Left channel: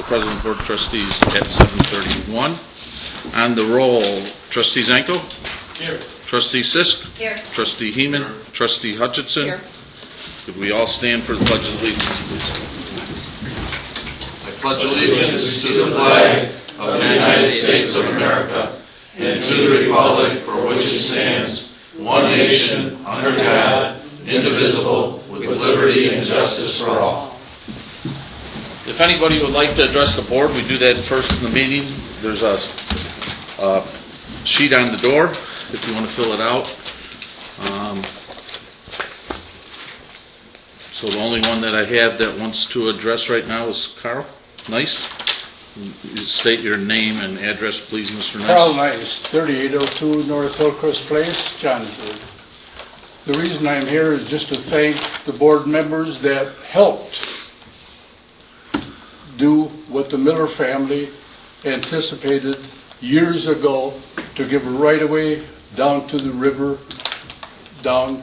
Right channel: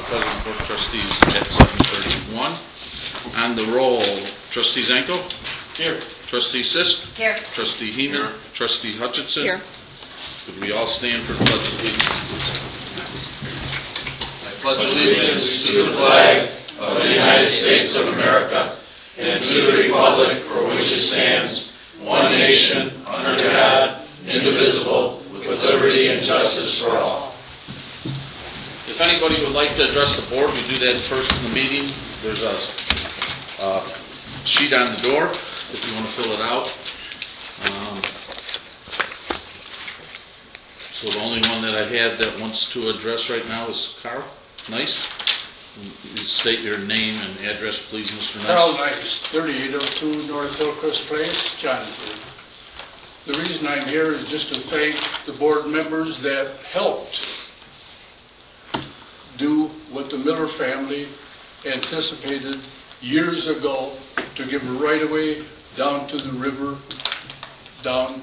the President of the Board of Trustees at 7:31. On the roll, Trustee Zanko? Here. Trustee Sisk? Here. Trustee Heeman? Trustee Hutchinson? Here. Could we all stand for the Pledge of Allegiance? I pledge allegiance to the flag of the United States of America and to the republic for which it stands, one nation, under God, indivisible, with liberty and justice for all. If anybody would like to address the board, we do that first in the meeting. There's a sheet on the door if you want to fill it out. So the only one that I have that wants to address right now is Carl Nice. State your name and address, please, Mr. Nice. Carl Nice, 3802 North Hillcrest Place, Johnsburg. The reason I'm here is just to thank the board members that helped do what the Miller family anticipated years ago to give a right-of-way down to the river, down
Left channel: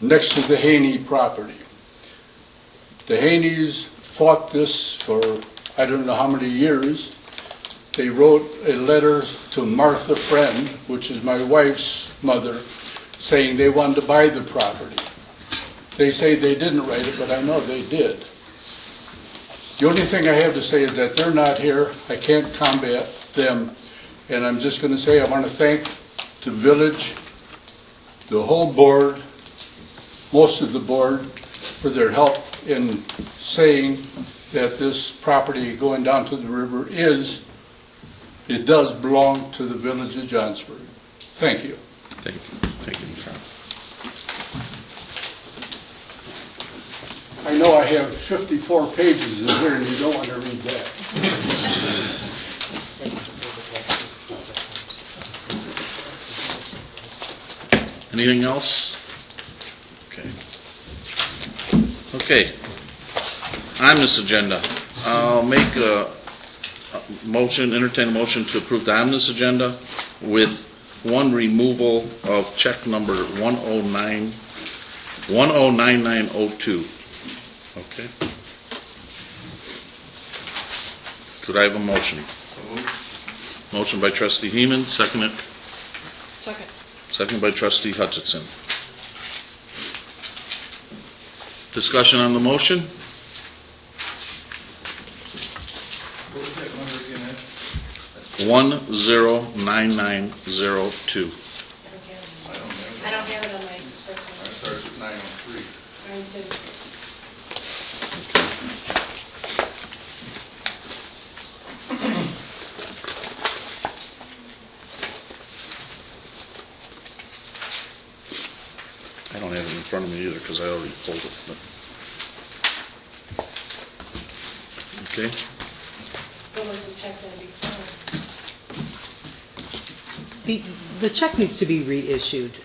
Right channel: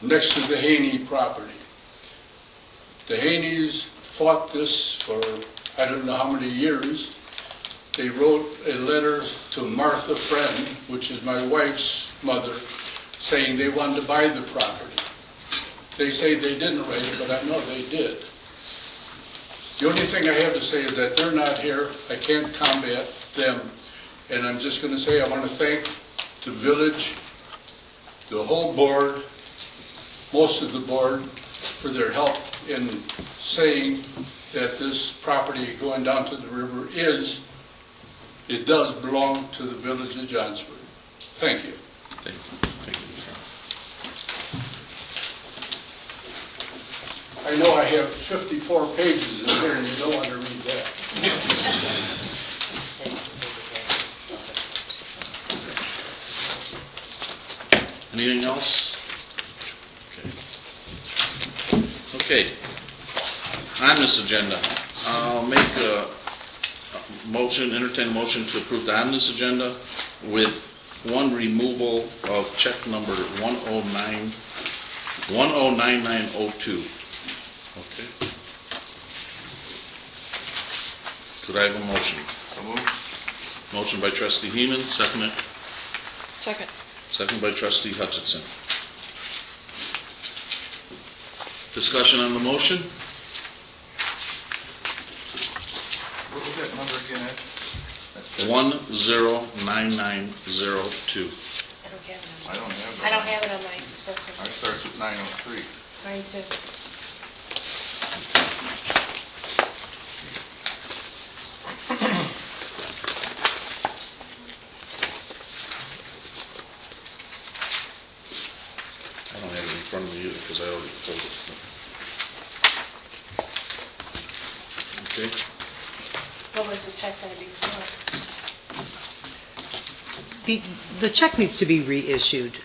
next to the Haney property. The Haneys fought this for I don't know how many years. They wrote a letter to Martha Friend, which is my wife's mother, saying they wanted to buy the property. They say they didn't write it, but I know they did. The only thing I have to say is that they're not here. I can't combat them. And I'm just going to say I want to thank the village, the whole board, most of the board, for their help in saying that this property going down to the river it does belong to the village of Johnsburg. Thank you. Thank you. Thank you, Mr. I know I have 54 pages in here and you don't want to read that. Anything else? Okay. On this agenda, I'll make a motion, entertain motion to approve the omnibus agenda with one removal of check number 109902. Okay. Could I have a motion? Motion by Trustee Heeman, seconded. Second. Second by Trustee Hutchinson. Discussion on the motion? What's that number again? 109902. I don't have it on my disposal. I starts at 903. Mine too. I don't have it in front of me either because I already told it. Okay. What was the check going to be for? The check needs to be reissued.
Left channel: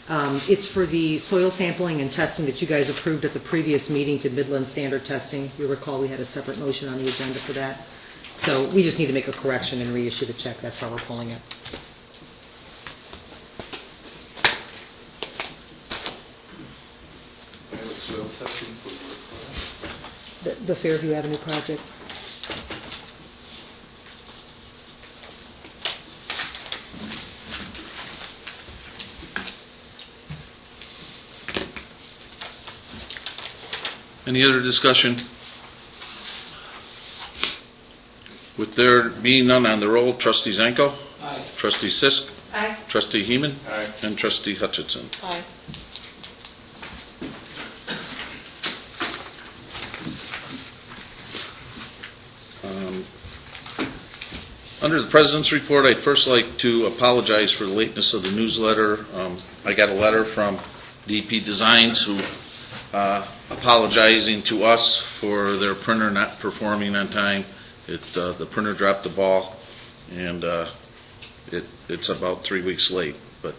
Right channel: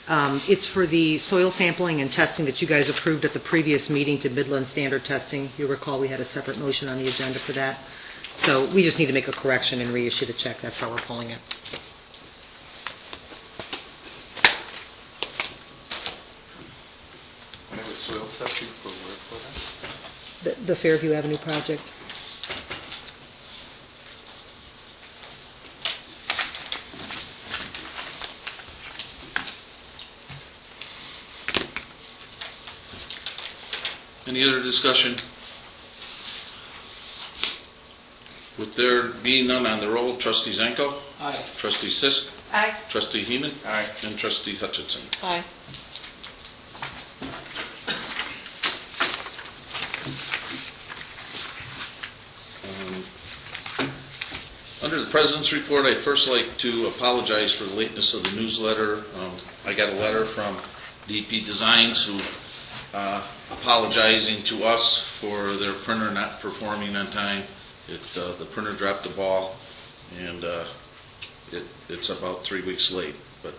It's for the soil sampling and testing that you guys approved at the previous meeting to Midland Standard Testing. You'll recall we had a separate motion on the agenda for that. So we just need to make a correction and reissue the check. That's how we're pulling it. Soil testing for The Fairview Avenue project. Any other discussion? With there being none on the roll, Trustee Zanko? Aye. Trustee Sisk? Aye. Trustee Heeman? Aye. And Trustee Hutchinson. Aye. Under the President's report, I'd first like to apologize for the lateness of the newsletter. I got a letter from DP Designs who apologizing to us for their printer not performing on time. The printer dropped the ball, and it's about 3 weeks late. But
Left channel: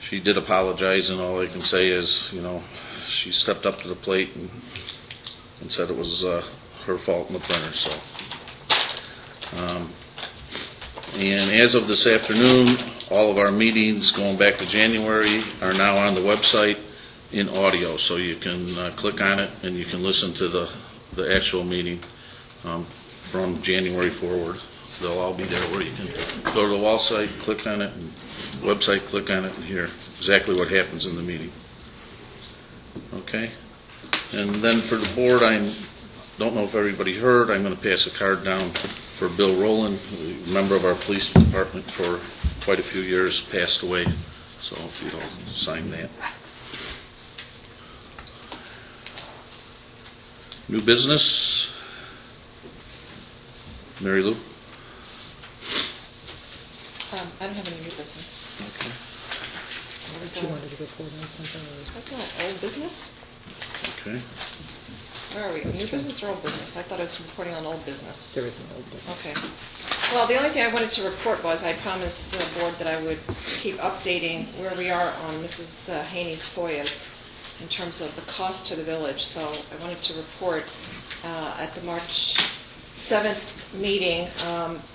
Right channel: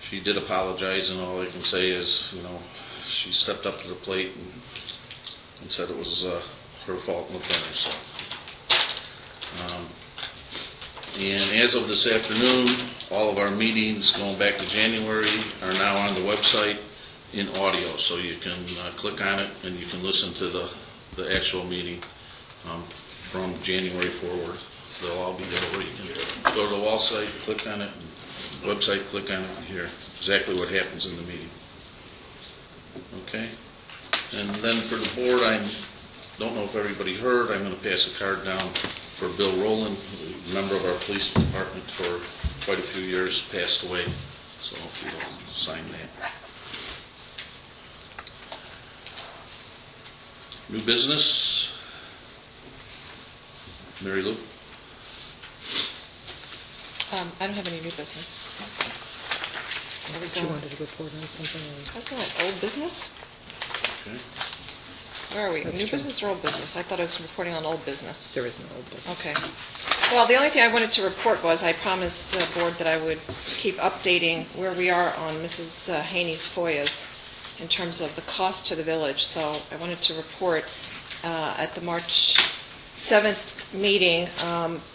she did apologize, and all I can say is, she stepped up to the plate and said it was her fault in the printer. So. And as of this afternoon, all of our meetings going back to January are now on the website in audio, so you can click on it and you can listen to the actual meeting. from January forward. They'll all be there where you can go to the wall site, click on it, and website, click on it, and hear exactly what happens in the meeting. Okay? And then for the board, I don't know if everybody heard, I'm going to pass a card down for Bill Rowland, a member of our police department for quite a few years, passed away. So if you'll sign that. New business? Mary Lou? I don't have any new business. You wanted to report on something? That's not old business? Okay. Where are we? New business or old business? I thought I was reporting on old business. There is an old business. Okay. Well, the only thing I wanted to report was I promised the board that I would keep updating where we are on Mrs. Haney's FOIAs in terms of the cost to the village. So I wanted to report at the March 7th meeting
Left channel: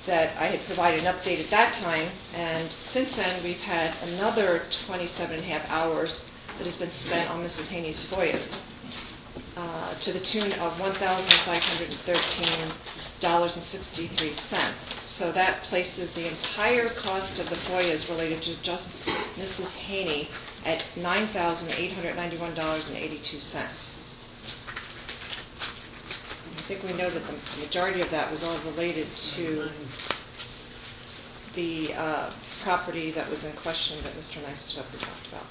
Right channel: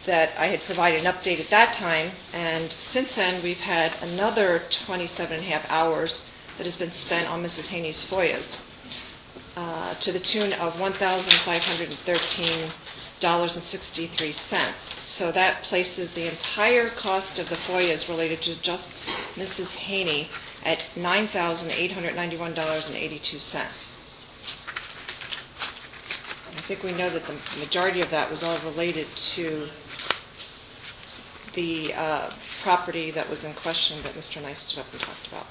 that I had provided an update at that time, and since then we've had another 27 and a half hours that has been spent on Mrs. Haney's FOIAs to the tune of $1,513.63. So that places the entire cost of the FOIAs related to just Mrs. Haney at $9,891.82. I think we know that the majority of that was all related to the property that was in question that Mr. Nice talked about.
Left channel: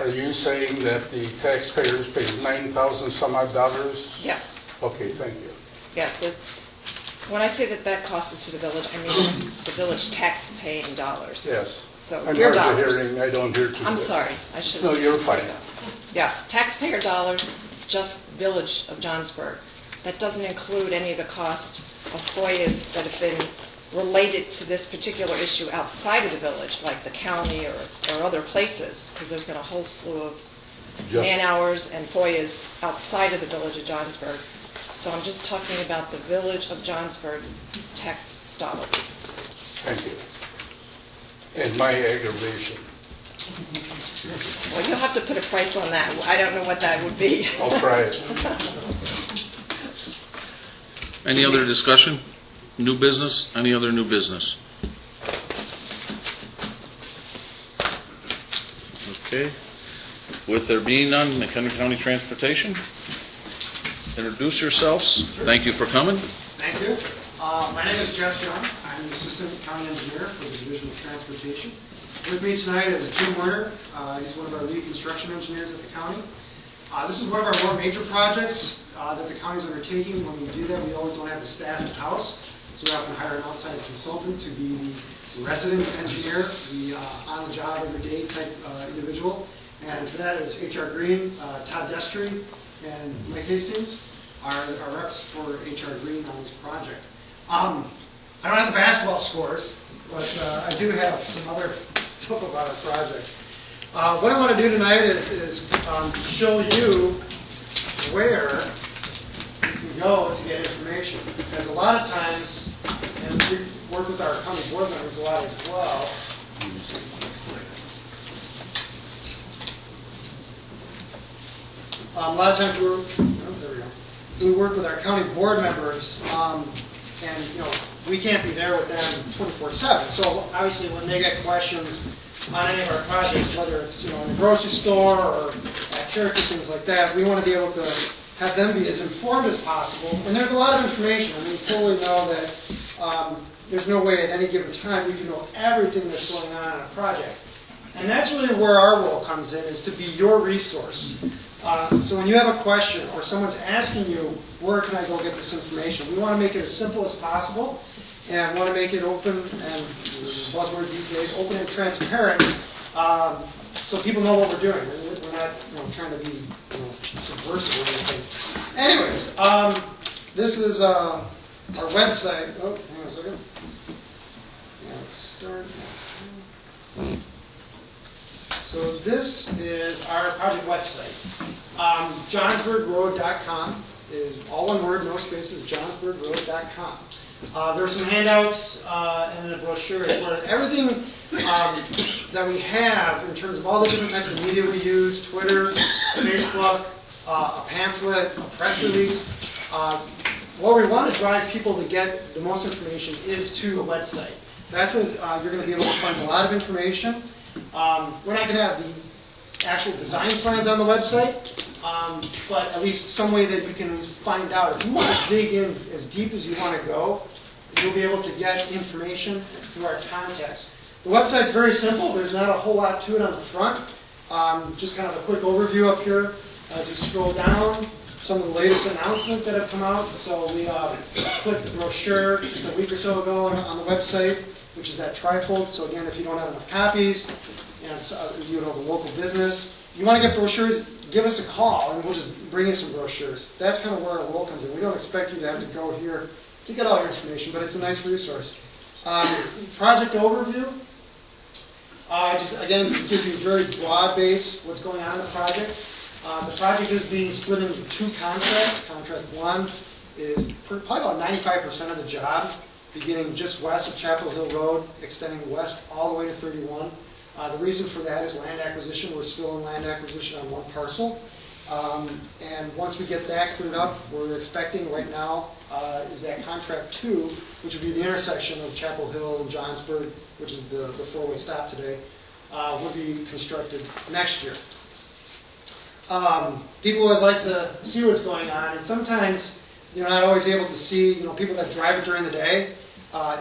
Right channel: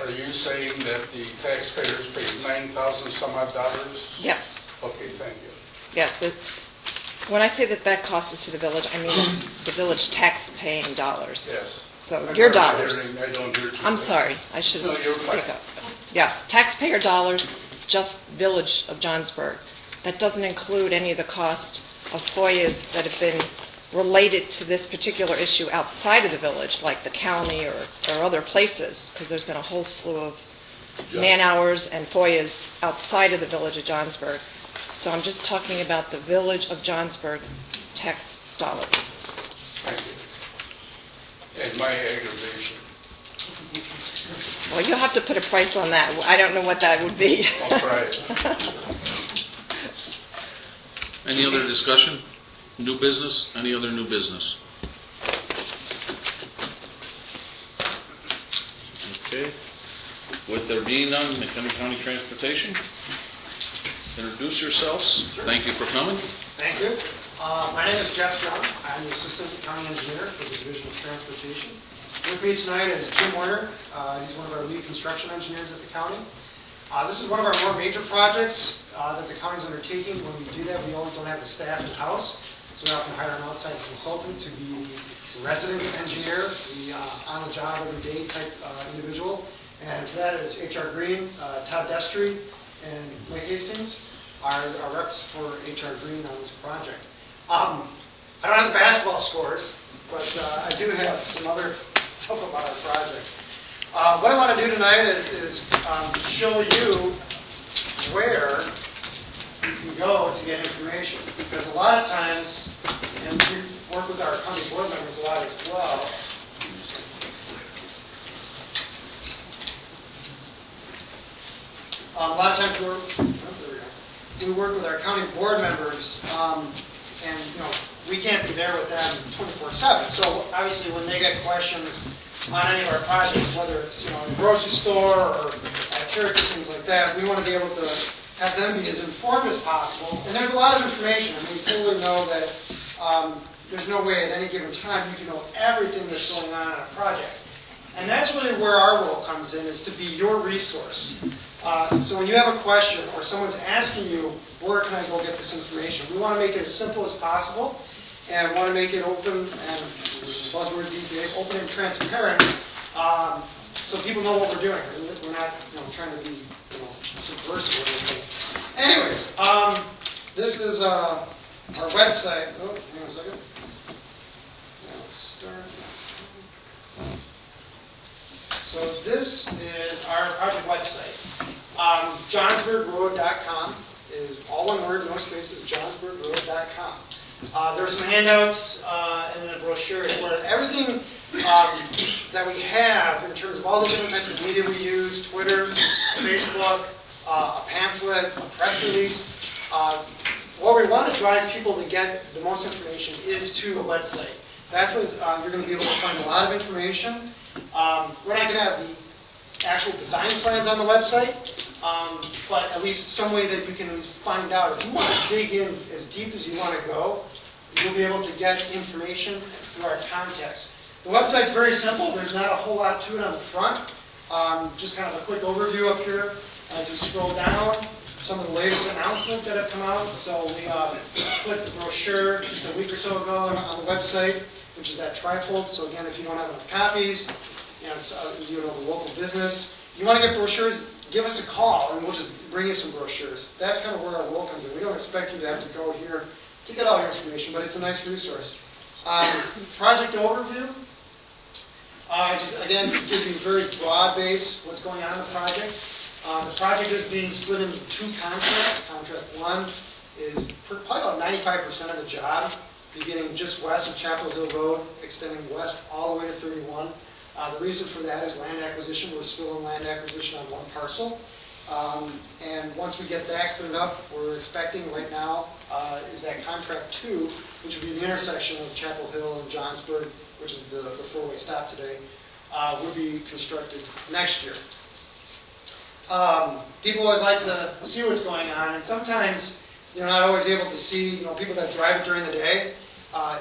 Are you saying that the taxpayers paid $9,000 some odd dollars? Yes, Okay, thank you. yes. When I say that cost is to the village, I mean the village tax-paying dollars. Yes. So I'm your hard of dollars. hearing. I don't hear too I'm good. sorry, I should have... No, you're fine. Yes, taxpayer dollars, just Village of Johnsburg. That doesn't include any of the cost of FOIAs that have been related to this particular issue outside of the village, like the county or other places, because there's been a whole slew of Just- man-hours and FOIAs outside of the Village of Johnsburg. So I'm just talking about the Village of Johnsburg's tax dollars. Thank you. And my aggravation. Well, you'll have to put a price on that. I don't know what that would be. I'll try it. Any other discussion? New business? Any other new business? Okay. With there being none, McHenry County Transportation, introduce yourselves. Thank you for coming. Thank you. My name is Jeff Young. I'm the Assistant County Engineer for the Division of Transportation. With me tonight is Tim Warner. He's one of our lead construction engineers at the county. This is one of our more major projects that the county is undertaking. When we do that, we always don't have the staff in-house, so we often hire an outside consultant to be the resident engineer, the on-the-job every-day type individual. And for that is H.R. Green, Todd Destry, and Mike Hastings are reps for H.R. Green on this project. I don't have the basketball scores, but I do have some other stuff about the project. What I want to do tonight is show you where you can go to get information. Because a lot of times, and we work with our county board members a lot as well, a lot of times we work with our county board members, and we can't be there with them 24/7. So obviously, when they get questions on any of our projects, whether it's in the grocery store or at church or things like that, we want to be able to have them be as informed as possible. And there's a lot of information. I mean, you fully know that there's no way at any given time you can know everything that's going on a project. And that's really where our role comes in, is to be your resource. So when you have a question or someone's asking you, where can I go get this information? We want to make it as simple as possible, and want to make it open, and buzzwords these days, open and transparent, so people know what we're doing. We're not trying to be subversive or anything. Anyways, this is our website. Oh, hang on a second. Yeah, let's start now. So this is our project website. JohnsburgRoad.com is all one word, no spaces, JohnsburgRoad.com. There's some handouts and a brochure where everything that we have in terms of all the different types of media we use, Twitter, Facebook, pamphlet, a press release. Where we want to drive people to get the most information is to the website. That's where you're going to be able to find a lot of information. We're not going to have the actual design plans on the website, but at least some way that you can at least find out. If you want to dig in as deep as you want to go, you'll be able to get information through our contacts. The website's very simple. There's not a whole lot to it on the front. Just kind of a quick overview up here. As you scroll down, some of the latest announcements that have come out. So we put the brochure just a week or so ago on the website, which is that trifold. So again, if you don't have enough copies, and it's, you know, the local business, you want to get brochures, give us a call, and we'll just bring you some brochures. That's kind of where our role comes in. We don't expect you to have to go here to get all your information, but it's a nice resource. Project overview. Again, this gives you a very broad base what's going on in the project. The project is being split into 2 contracts. Contract 1 is probably about 95% of the job, beginning just west of Chapel Hill Road, extending west all the way to 31. The reason for that is land acquisition. We're still in land acquisition on 1 parcel. And once we get that cleared up, we're expecting right now is that contract 2, which would be the intersection of Chapel Hill and Johnsburg, which is the 4-way stop today, will be constructed next year. People always like to see what's going on, and sometimes you're not always able to see, you know, people that drive it during the day,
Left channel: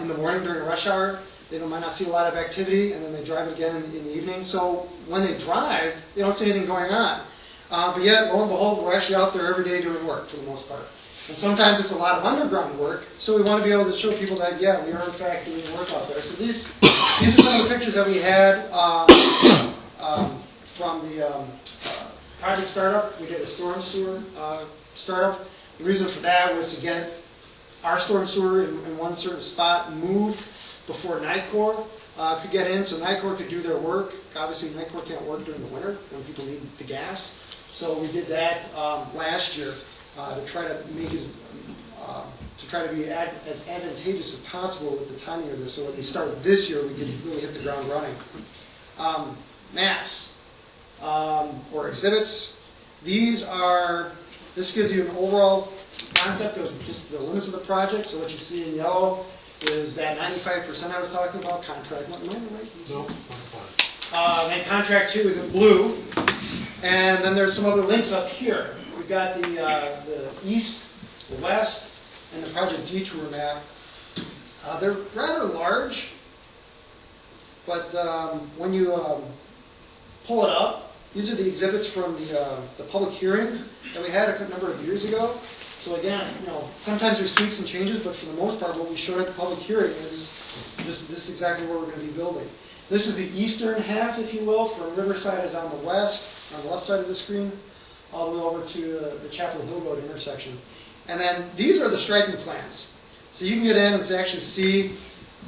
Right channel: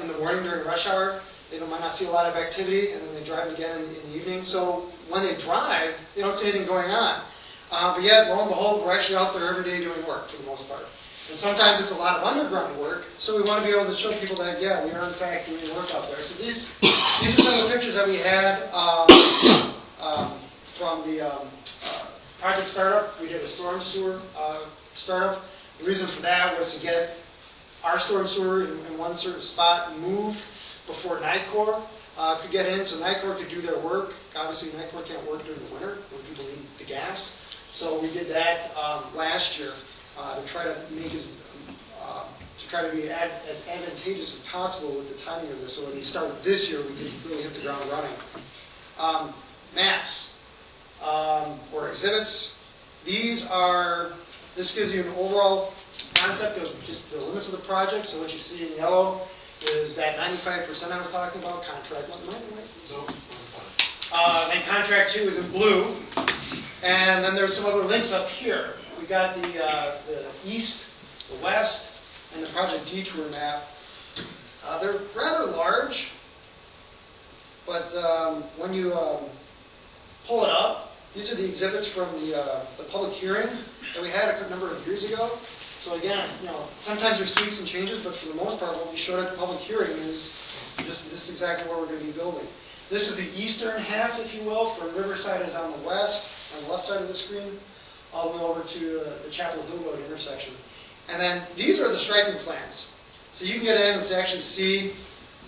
in the morning during rush hour, they might not see a lot of activity, and then they drive it again in the evening. So when they drive, they don't see anything going on. But yet, lo and behold, we're actually out there every day doing work for the most part. And sometimes it's a lot of underground work, so we want to be able to show people that, yeah, we are in fact doing work out there. So these are some of the pictures that we had from the project startup. We did a storm sewer startup. The reason for that was to get our storm sewer in one certain spot moved before NICOR could get in, so NICOR could do their work. Obviously, NICOR can't work during the winter when people need the gas. So we did that last year to try to make be as advantageous as possible with the timing of this. So when we start this year, we can really hit the ground running. Maps or exhibits. This gives you an overall concept of just the limits of the project. So what you see in yellow is that 95% I was talking about, contract 1. Am I right? No. And contract 2 is in blue. And then there's some other links up here. We've got the east, the west, and the project detour map. They're rather large, but when you pull it up, these are the exhibits from the public hearing that we had a number of years ago. So again, you know, sometimes there's tweaks and changes, but for the most part, what we showed at the public hearing is this is exactly what we're going to be building. This is the eastern half, if you will, from Riverside is on the west, on the left side of the screen, all the way over to the Chapel Hill Road intersection. And then these are the striping plans. So you can get in and actually see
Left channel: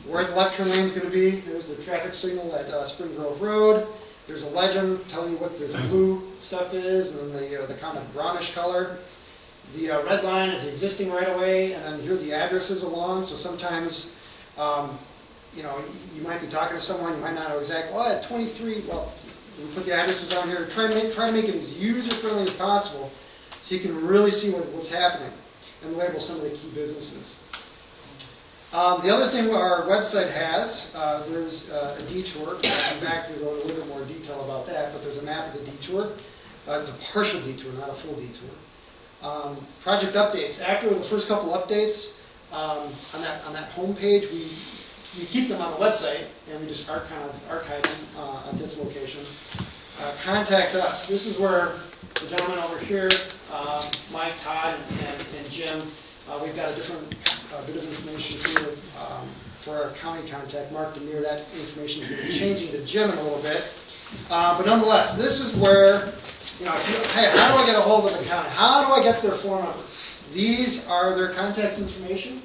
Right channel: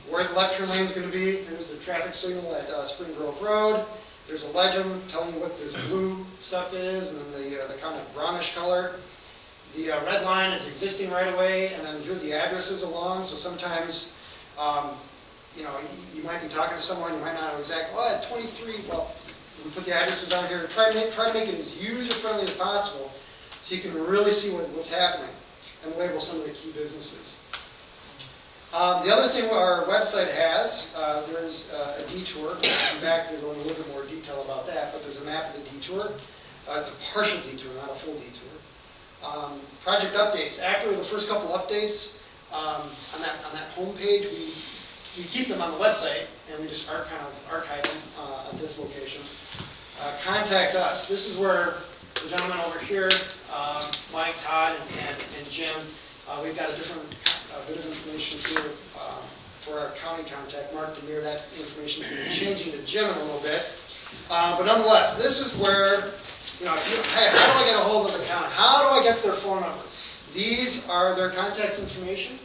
where the left turn lane is going to be. There's the traffic signal at Spring Grove Road. There's a legend telling you what this blue stuff is, and then the kind of brownish color. The red line is existing right away, and then here are the addresses along. So sometimes, you know, you might be talking to someone, you might not know exactly, oh, at 23, well, we put the addresses on here to try to make it as user-friendly as possible so you can really see what's happening and label some of the key businesses. The other thing our website has, there's a detour. In fact, there's a little bit more detail about that, but there's a map of the detour. It's a partial detour, not a full detour. Project updates. After the first couple updates, on that home page, we keep them on the website, and we just archive them at this location. Contact us. This is where the gentleman over here, Mike, Todd, and Jim, we've got a different bit of information here for our county contact, Mark Demir. That information is changing to Jim in a little bit. But nonetheless, this is where, you know, hey, how do I get a hold of the county? How do I get their phone number? These are their contact information.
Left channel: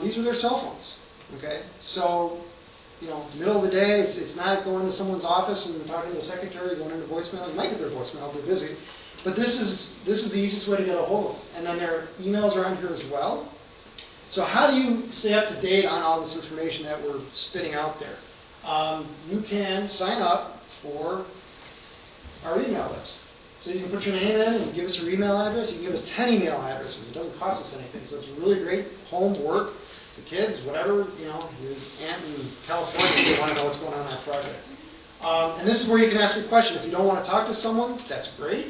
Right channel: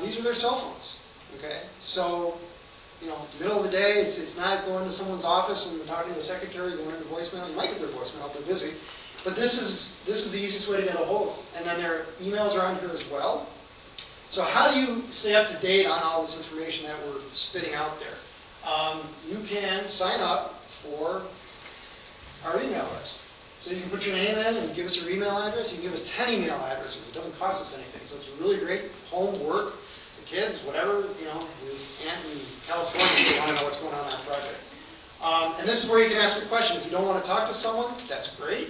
These are their cell phones. Okay, so, you know, middle of the day, it's not going to someone's office and talking to the secretary, going into voicemail. You might get their voicemail if they're busy, but this is the easiest way to get a hold of them. And then their emails are on here as well. So how do you stay up to date on all this information that we're spitting out there? You can sign up for our email list. So you can put your name in and give us your email address. You can give us 10 email addresses. It doesn't cost us anything. So it's really great homework. The kids, whatever, your aunt in California, if they want to know what's going on our project. And this is where you can ask a question. If you don't want to talk to someone, that's great.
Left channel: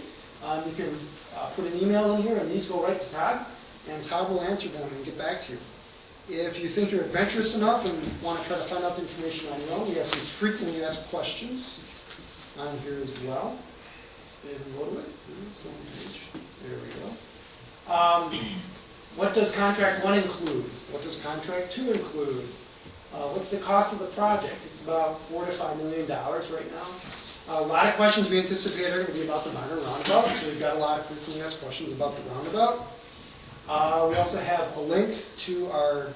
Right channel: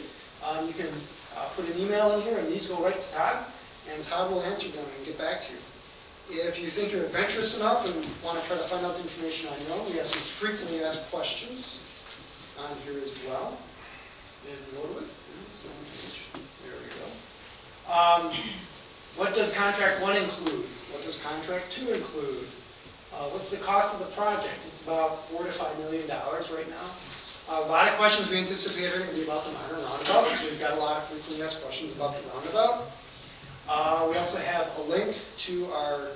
You can put an email in here, and these go right to Todd, and Todd will answer them and get back to you. If you think you're adventurous enough and want to try to find out the information on your own, we have some frequently asked questions on here as well. And load it. It's on the page. There we go. What does contract 1 include? What does contract 2 include? What's the cost of the project? It's about $4 to $5 million right now. A lot of questions we anticipate are going to be about the minor roundabout, so we've got a lot of frequently asked questions about the roundabout. We also have a link to our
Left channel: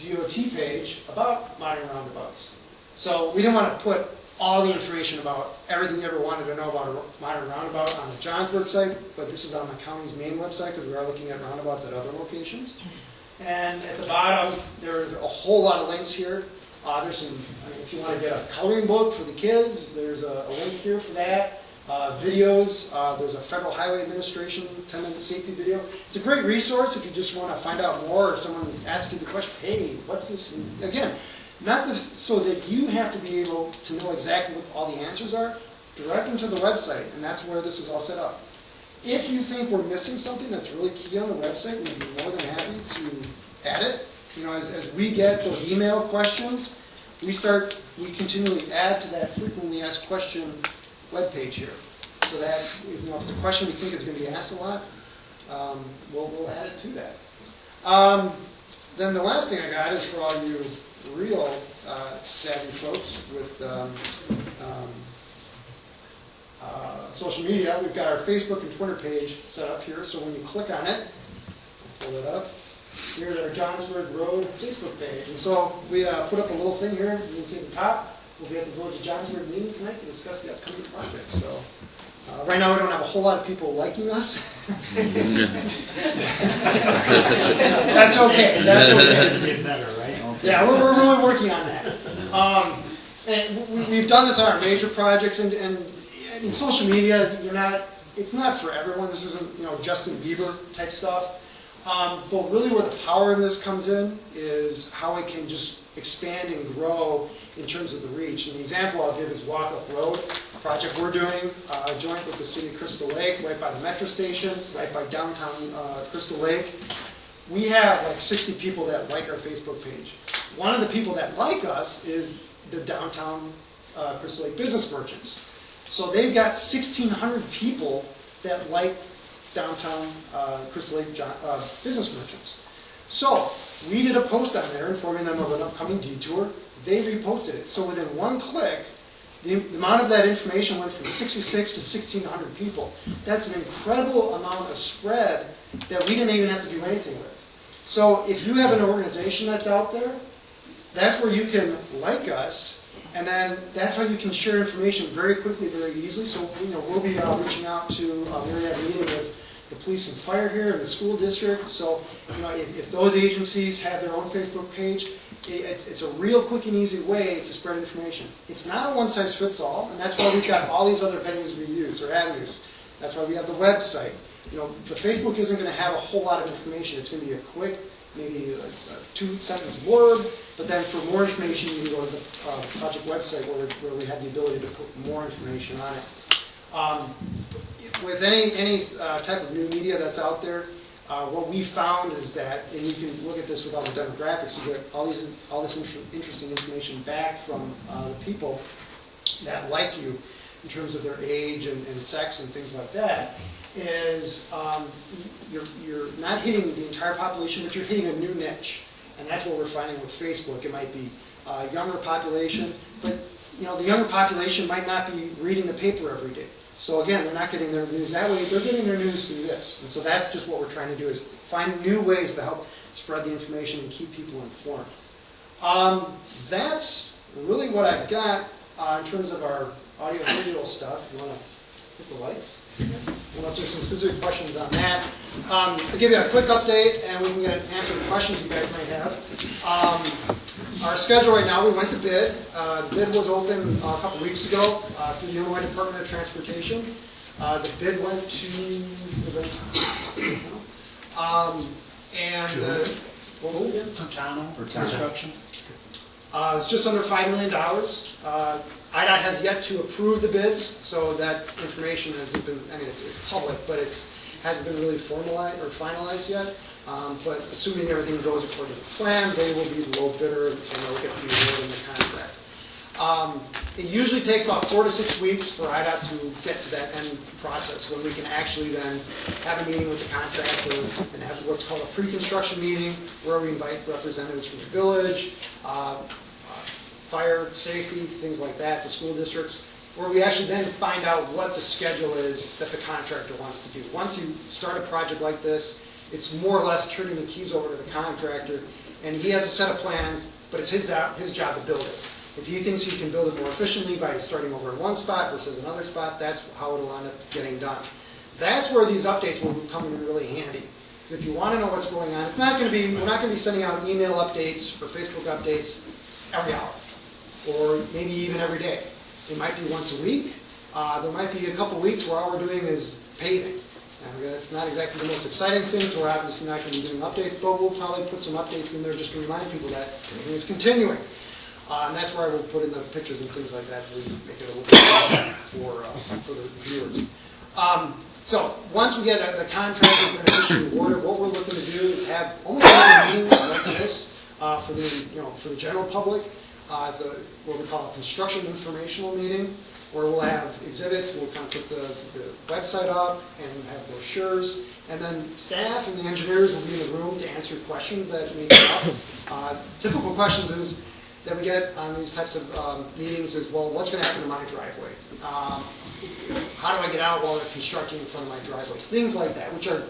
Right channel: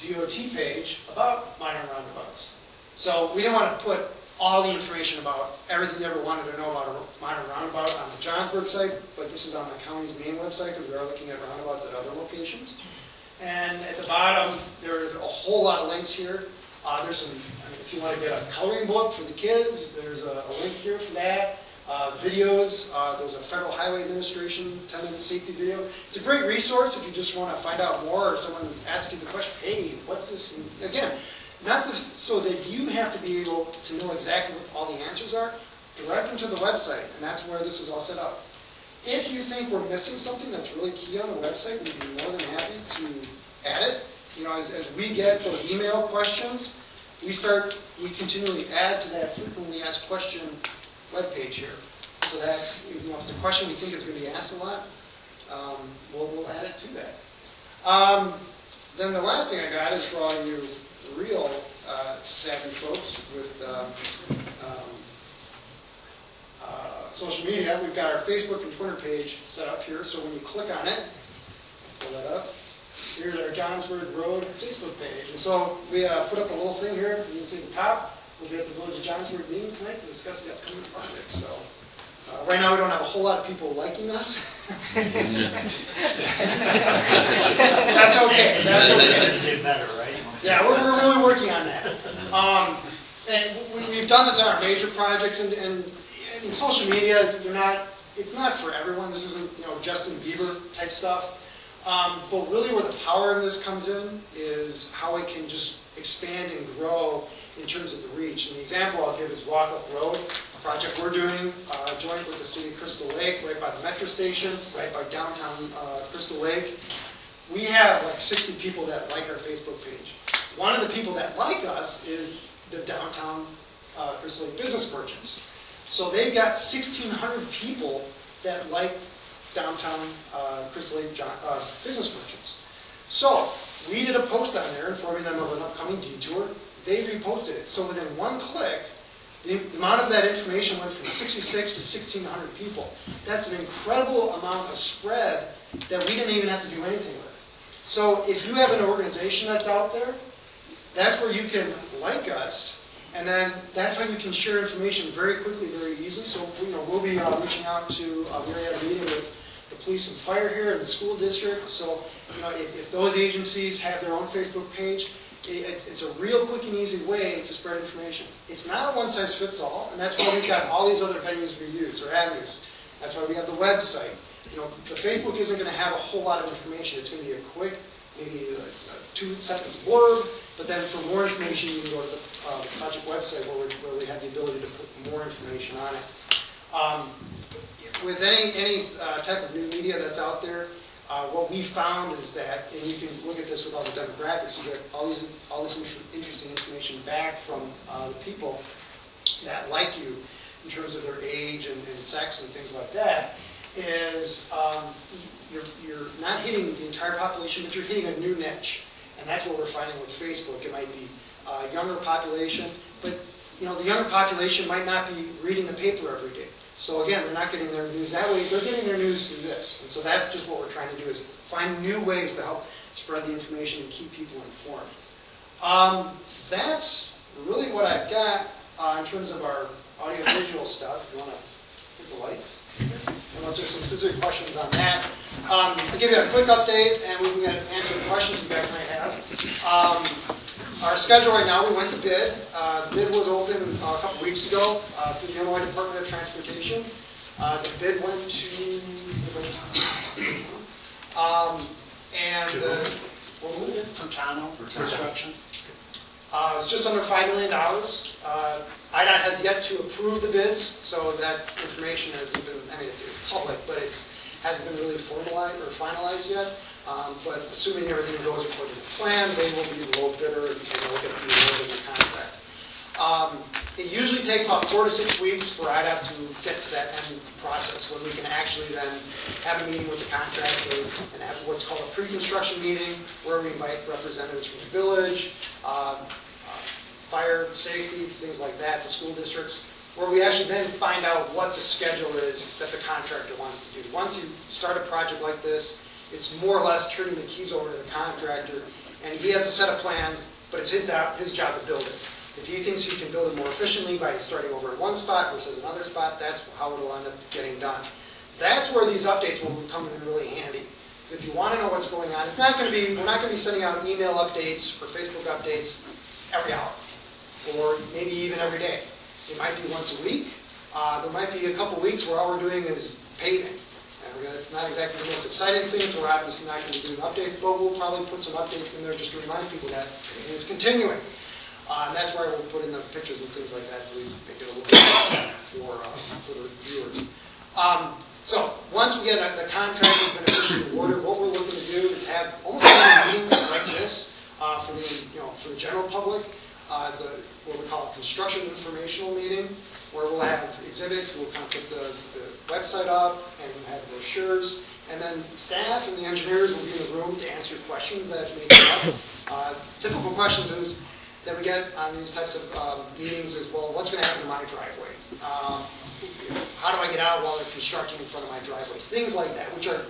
DOT page about minor roundabouts. So we didn't want to put all the information about everything you ever wanted to know about a minor roundabout on the Johnsburg site, but this is on the county's main website because we are looking at roundabouts at other locations. And at the bottom, there are a whole lot of links here. There's some, if you want to get a coloring book for the kids, there's a link here for that. Videos, there's a Federal Highway Administration 10-minute safety video. It's a great resource if you just want to find out more, or someone asks you the question, hey, what's this? Again, so that you have to be able to know exactly what all the answers are, direct them to the website, and that's where this is all set up. If you think we're missing something that's really key on the website, we'd be more than happy to add it. As we get those email questions, we continually add to that frequently asked question webpage here. So that, if it's a question we think is going to be asked a lot, we'll add it to that. Then the last thing I got is for all you real savvy folks with social media. We've got our Facebook and Twitter page set up here, so when you click on it, pull it up, here's our Johnsburg Road Facebook page. And so we put up a little thing here. You can see at the top, we'll be at the Village of Johnsburg meeting tonight to discuss the upcoming project. So right now we don't have a whole lot of people liking us. That's okay. That's okay. Get better, right? Yeah, we're really working on that. And we've done this on our major projects, and I mean, social media, it's not for everyone. This isn't, Justin Bieber type stuff. But really where the power of this comes in is how it can just expand and grow in terms of the reach. And the example I'll give is Walk Up Road, a project we're doing joint with the city of Crystal Lake, right by the metro station, right by downtown Crystal Lake. We have like 60 people that like our Facebook page. One of the people that like us is the downtown Crystal Lake business merchants. So they've got 1,600 people that like downtown Crystal Lake business merchants. So we did a post on there informing them of an upcoming detour. They reposted it. So within one click, the amount of that information went from 66 to 1,600 people. That's an incredible amount of spread that we didn't even have to do anything with. So if you have an organization that's out there, that's where you can like us, and then that's how you can share information very quickly, very easily. So we'll be reaching out to, we already had a meeting with the police and fire here and the school district. So if those agencies have their own Facebook page, it's a real quick and easy way to spread information. It's not a one-size-fits-all, and that's why we've got all these other venues we use, or avenues. That's why we have the website. The Facebook isn't going to have a whole lot of information. It's going to be a quick, maybe a 2-sentence blurb, but then for more information, you can go to the project website where we have the ability to put more information on it. With any type of new media that's out there, what we found is that, and you can look at this with all the demographics, you get all this interesting information back from the people that like you in terms of their age and sex and things like that, is you're not hitting the entire population, but you're hitting a new niche. And that's what we're finding with Facebook. It might be a younger population, but the younger population might not be reading the paper every day. So again, they're not getting their news that way. They're getting their news through this. And so that's just what we're trying to do, is find new ways to help spread the information and keep people informed. That's really what I've got in terms of our audio-visual stuff. If you want to hit the lights. Unless there's some specific questions on that. I'll give you a quick update, and we can answer the questions you guys might have. Our schedule right now, we went to bid. The bid was open a couple weeks ago through the Illinois Department of Transportation. The bid went to, and what was it? Tachano for construction. It's just under $5 million. IDOT has yet to approve the bids, so that information hasn't been, I mean, it's public, but hasn't been really formalized or finalized yet. But assuming everything goes according to plan, they will be the low bidder and they'll get the award in the contract. It usually takes about 4 to 6 weeks for IDOT to get to that end process, when we can actually then have a meeting with the contractor and have what's called a pre-construction meeting, where we invite representatives from the village, fire, safety, things like that, the school districts, where we actually then find out what the schedule is that the contractor wants to do. Once you start a project like this, it's more or less turning the keys over to the contractor, and he has a set of plans, but it's his job to build it. If he thinks he can build it more efficiently by starting over in one spot versus another spot, that's how it'll end up getting done. That's where these updates will come in really handy. If you want to know what's going on, we're not going to be sending out email updates or Facebook updates every hour, or maybe even every day. It might be once a week. There might be a couple weeks where all we're doing is paving. Now, that's not exactly the most exciting thing, so we're obviously not going to be doing updates, but we'll probably put some updates in there just to remind people that paving is continuing. And that's where I will put in the pictures and things like that to make it a little bit easier for the viewers. So once we get the contract has been officially awarded, what we're looking to do is have almost a meeting like this for the general public. It's what we call a construction informational meeting, where we'll have exhibits, we'll kind of put the website up and have brochures, and then staff and the engineers will be in the room to answer questions that may come up. Typical questions that we get on these types of meetings is, well, what's going to happen to my driveway? How do I get out while they're constructing in front of my driveway? Things like that, which are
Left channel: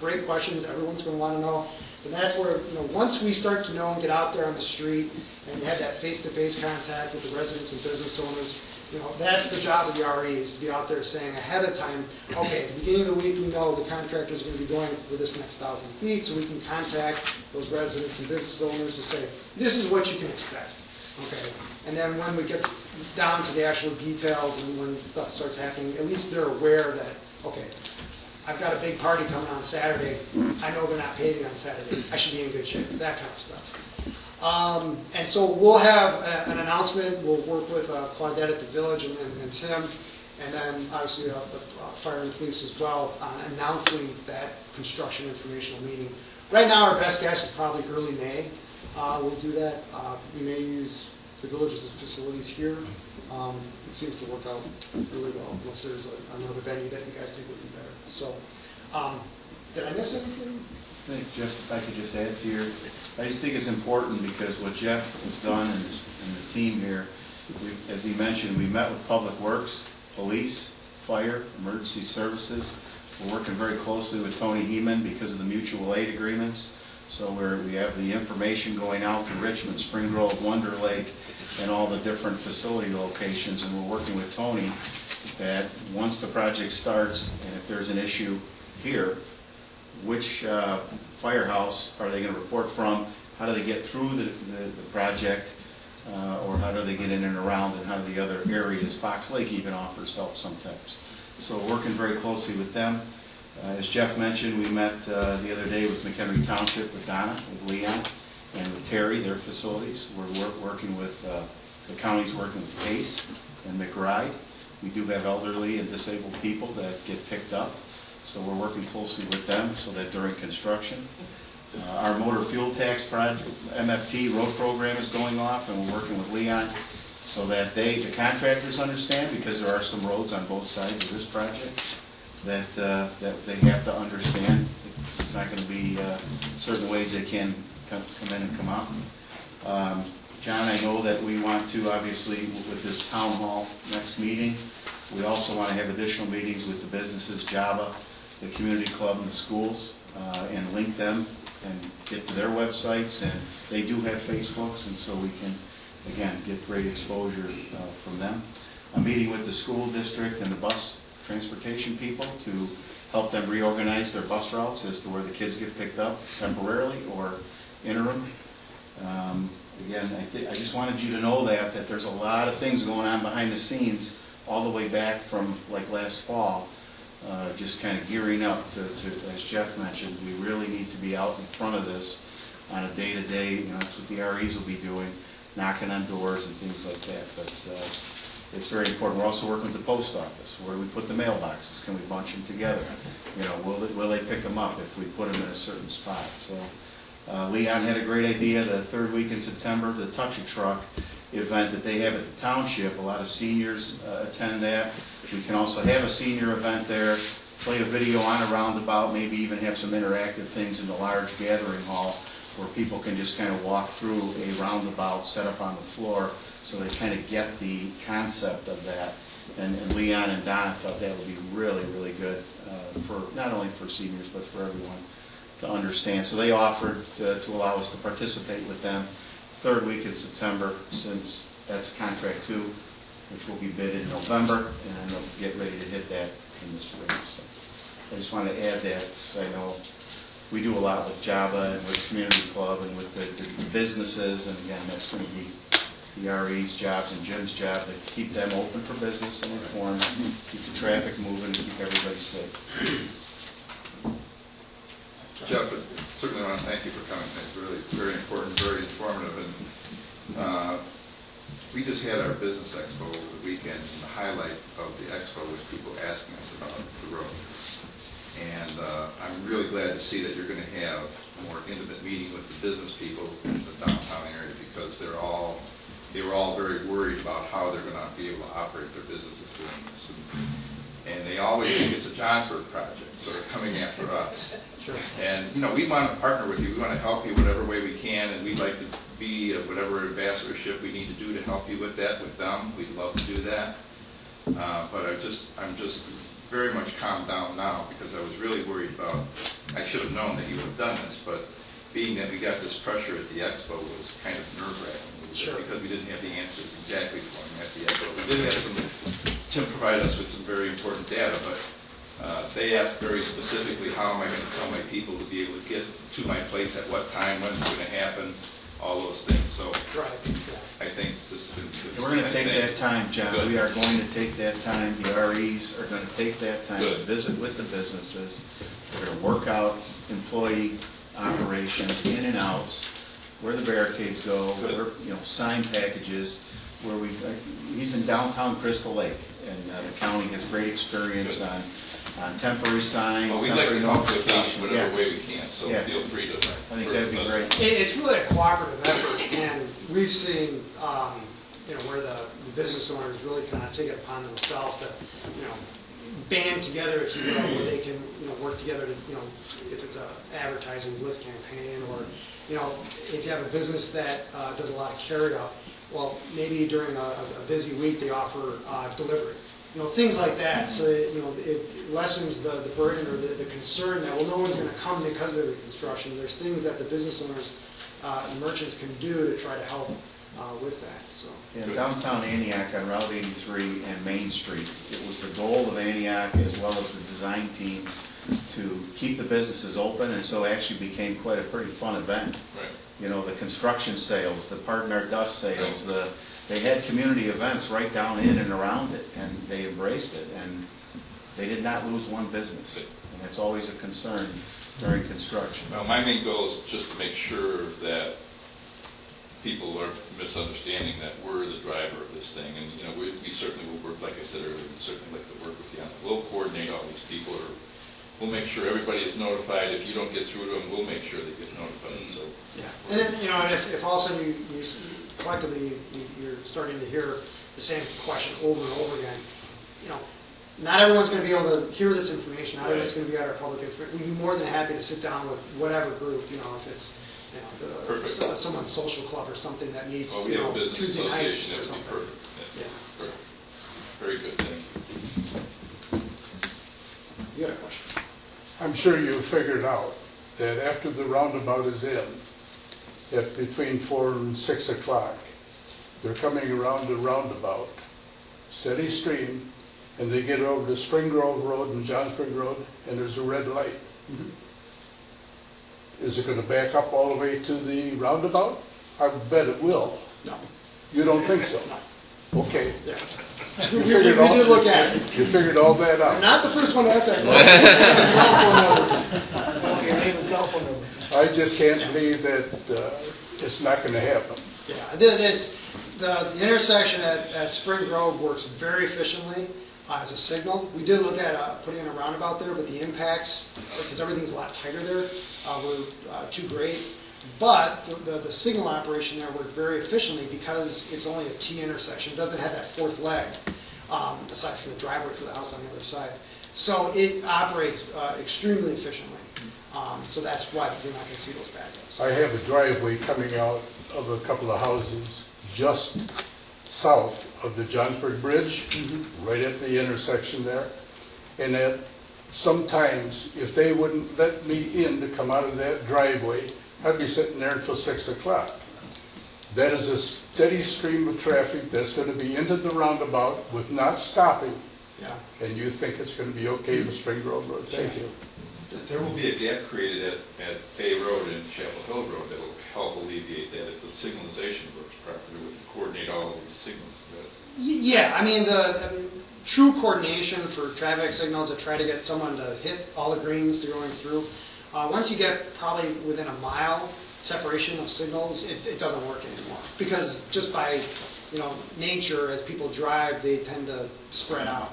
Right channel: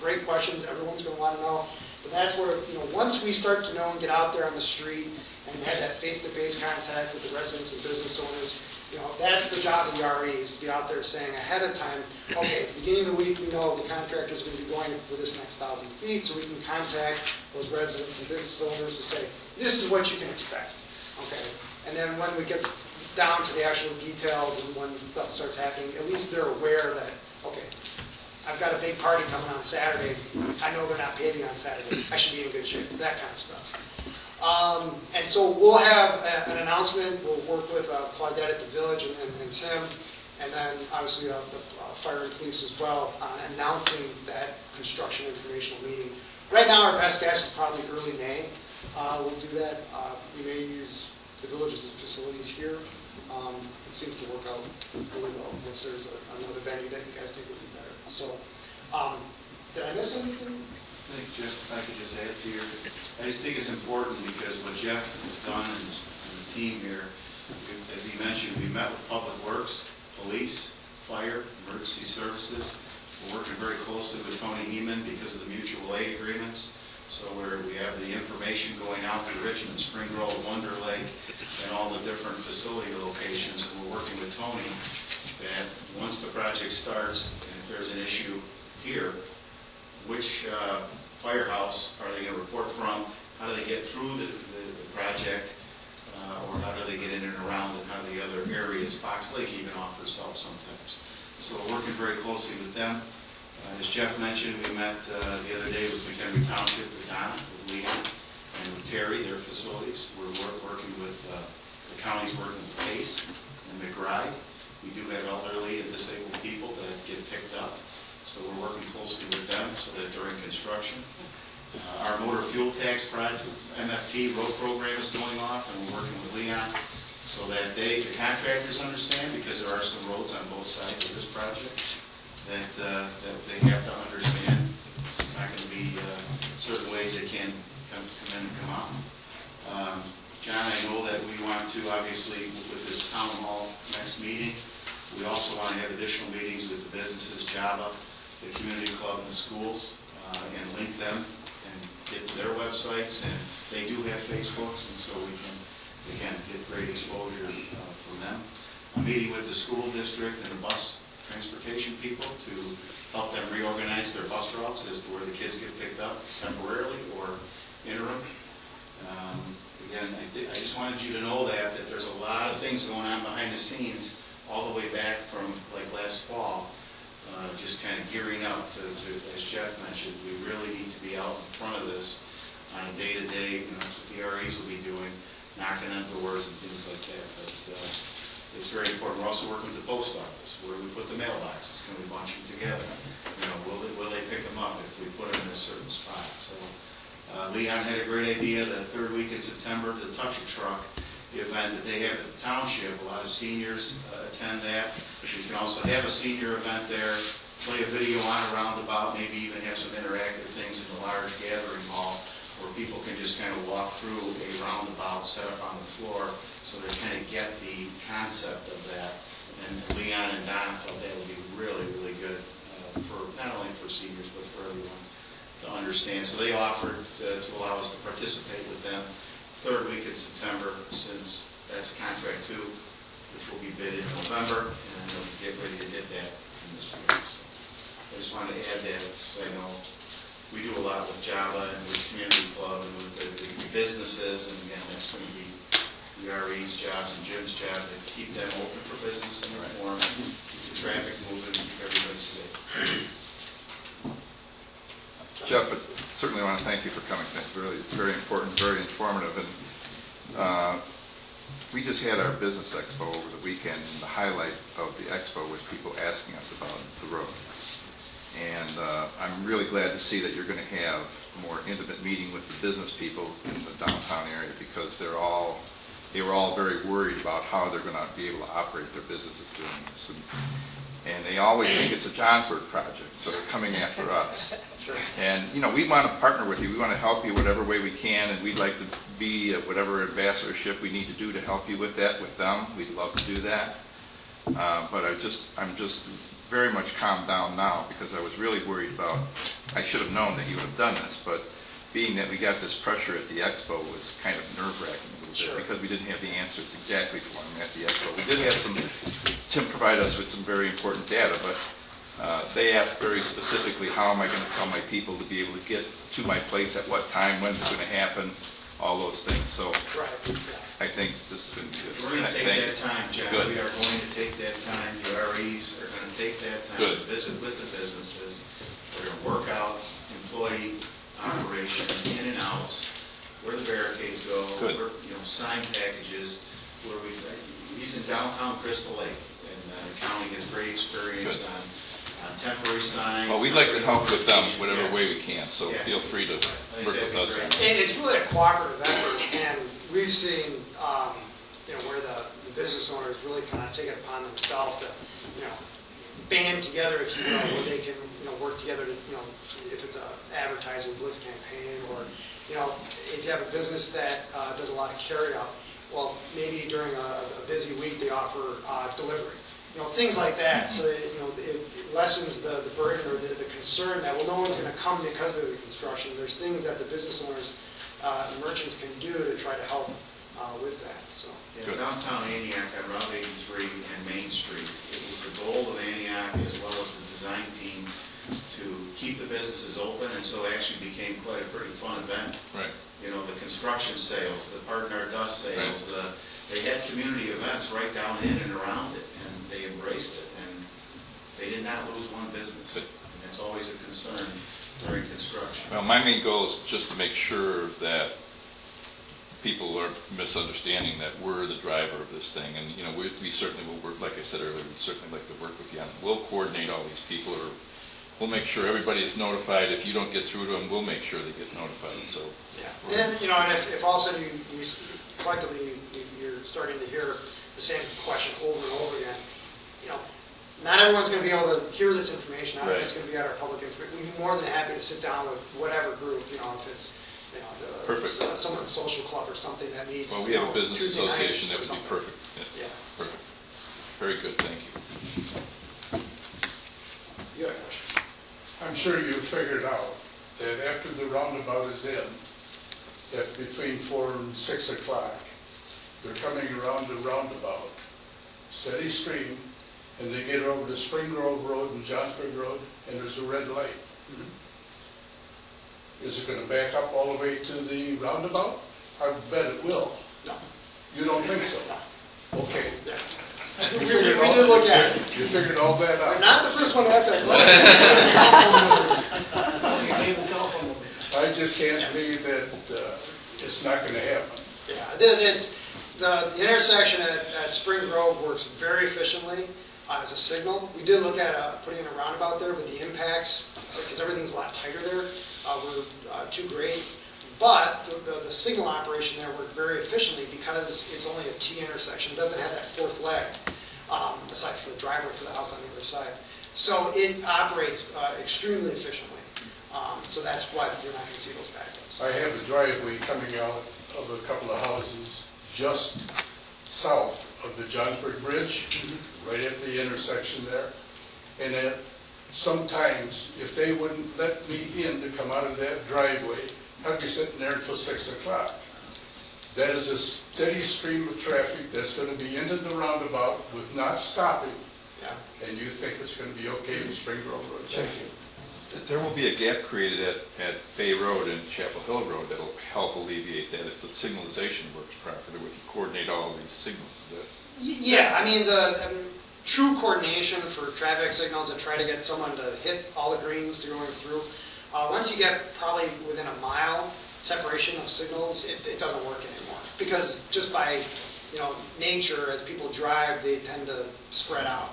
great questions. Everyone's going to want to know. But that's where, once we start to know and get out there on the street and have that face-to-face contact with the residents and business owners, that's the job of the RE, is to be out there saying ahead of time, okay, at the beginning of the week, we know the contractor's going to be going for this next 1,000 feet, so we can contact those residents and business owners to say, this is what you can expect. Okay, and then when we get down to the actual details and when stuff starts happening, at least they're aware that, okay, I've got a big party coming on Saturday. I know they're not paving on Saturday. I should be in good shape, that kind of stuff. And so we'll have an announcement. We'll work with Claudette at the village and Tim, and then obviously the fire and police as well on announcing that construction informational meeting. Right now, our best guess is probably early May. We'll do that. We may use the village's facilities here. It seems to work out really well, unless there's another venue that you guys think would be better. So, did I miss anything? I think, Jeff, if I could just add to I just think it's important because what Jeff has done and the team here, as he mentioned, we met with Public Works, Police, Fire, Emergency Services. We're working very closely with Tony Heeman because of the mutual aid agreements. So we have the information going out to Richmond, Spring Grove, Wonder Lake, and all the different facility locations. And we're working with Tony that once the project starts, and if there's an issue here, which firehouse are they going to report from? How do they get through the project? Or how do they get in and around, and how do the other areas? Fox Lake even offers help sometimes. So working very closely with them. As Jeff mentioned, we met the other day with McHenry Township, with Donna, with Leon, and with Terry, their facilities. We're working with, the county's working with Pace and McBride. We do have elderly and disabled people that get picked up. So we're working closely with them so that during construction. Our motor fuel tax project, MFT road program is going off, and we're working with Leon so that the contractors understand, because there are some roads on both sides of this project, that they have to understand. It's not going to be certain ways they can come in and come out. John, I know that we want to, obviously, with this town hall next meeting, we also want to have additional meetings with the businesses, Java, the community club, and the schools, and link them and get to their websites. And they do have Facebooks, and so we can, again, get great exposure from them. I'm meeting with the school district and the bus transportation people to help them reorganize their bus routes as to where the kids get picked up temporarily or interim. Again, I just wanted you to know that there's a lot of things going on behind the scenes all the way back from like last fall just kind of gearing up to, as Jeff mentioned, we really need to be out in front of this on a day-to-day, that's what the REs will be doing, knocking on doors and things like that. But it's very important. We're also working with the post office. Where do we put the mailboxes? Can we bunch them together? Will they pick them up if we put them in a certain spot? So Leon had a great idea the third week in September, the Touch a Truck event that they have at the township. A lot of seniors attend that. We can also have a senior event there, play a video on a roundabout, maybe even have some interactive things in the large gathering hall where people can just kind of walk through a roundabout set up on the floor so they kind of get the concept of that. And Leon and Donna thought that would be really, really good for not only for seniors but for everyone to understand. So they offered to allow us to participate with them third week in September, since that's contract 2, which will be bid in November, and they'll get ready to hit that in the spring. So I just want to add that, because I know we do a lot with Java and with Community Club and with the businesses, and again, that's going to be the RE's jobs and Jim's job to keep them open for business and inform, keep the traffic moving, and keep everybody safe. Jeff, I certainly want to thank you for coming. It's really very important, very informative. And we just had our business expo over the weekend. The highlight of the expo was people asking us about the road. And I'm really glad to see that you're going to have a more intimate meeting with the business people in the downtown area, because they were all very worried about how they're going to be able to operate their businesses doing this. And they always think it's a Johnsburg project, so they're coming after us. Sure. And, we want to partner with you. We want to help you whatever way we can, and we'd like to be whatever ambassadorship we need to do to help you with that, with them. We'd love to do that. But I'm just very much calmed down now, because I was really worried about, I should have known that you would have done this, but being that we got this pressure at the expo was kind of nerve-wracking. Sure. Because we didn't have the answers exactly for them at the expo. We did have Tim provided us with some very important data, but they asked very specifically, how am I going to tell my people to be able to get to my place at what time, when's it going to happen, all those things. So Right. I think this has been good. We're going to take that time, John. Good. We are going to take that time. The REs are going to take that time to Good. visit with the businesses. We're going to work out employee operations, in and outs, where the barricades go, Good. where, sign packages, where he's in downtown Crystal Lake, and the county has great experience Good. on temporary signs. Well, we'd like to help with them notification. whatever Yeah. way we can, so Yeah. feel free to I think work that'd be with us. great. It's really a cooperative effort, and we've seen, where the business owners really kind of take it upon themselves to, band together, if you will, where they can, work together to, if it's a advertising blitz campaign, or, if you have a business that does a lot of carry up, well, maybe during a busy week they offer delivery. Things like that, so that, it lessens the burden or the concern that, well, no one's going to come because of the construction. There's things that the business owners and merchants can do to try to help with that, so. In downtown Antioch on Route 83 and Main Street, it was the goal of Antioch as well as the design team to keep the businesses open, and so it actually became quite a pretty fun event. Right. The construction sales, the Pardon Our Dust sales, they had community events right down in and around it, and they embraced it, and they did not lose one business. And that's always a concern during construction. Well, my main goal is just to make sure that people are misunderstanding that we're the driver of this thing. And, we certainly will work, like I said earlier, we certainly like to work with you. We'll coordinate all these people, or we'll make sure everybody is notified. If you don't get through to them, we'll make sure they get notified. So. Yeah. And then, and if all of a sudden you collectively you're starting to hear the same question over and over again, not everyone's going to be able to hear this information. Not everyone's going to be at our public information. We'd be more than happy to sit down with whatever group, if it's someone's social club or something that meets Well, we have a business Tuesday nights association, or that would be something. perfect. Yeah. Perfect. Very good, thank you. You got a question? I'm sure you figured out that after the roundabout is in, that between 4 and 6 o'clock, they're coming around the roundabout, steady stream, and they get over to Spring Grove Road and Johnsburg Road, and there's a red light. Is it going to back up all the way to the roundabout? I bet it will. No. You don't think so? No. Okay. Yeah. You We figured all- did look at it. You figured all that I'm out. not the first one to ask that question. I just can't believe that it's not going to happen. Yeah, it's, the intersection at Spring Grove works very efficiently as a signal. We did look at putting in a roundabout there, but the impacts, because everything's a lot tighter there, were too great. But the signal operation there worked very efficiently because it's only a T intersection. It doesn't have that fourth leg, aside from the driveway for the house on the other side. So it operates extremely efficiently. So that's why you're not going to see those backups. I have a driveway coming out of a couple of houses just south of the Johnsburg Bridge, right at the intersection there. And that sometimes, if they wouldn't let me in to come out of that driveway, I'd be sitting there until 6 o'clock. That is a steady stream of traffic that's going to be into the roundabout with not stopping. Yeah. And you think it's going to be okay with Spring Grove Road? Thank you. There will be a gap created at Bay Road and Chapel Hill Road that'll help alleviate that if the signalization works properly, we can coordinate all of these signals. Yeah, I mean, true coordination for traffic signals to try to get someone to hit all the greens to going through. Once you get probably within a mile separation of signals, it doesn't work anymore. Because just by, nature, as people drive, they tend to spread out.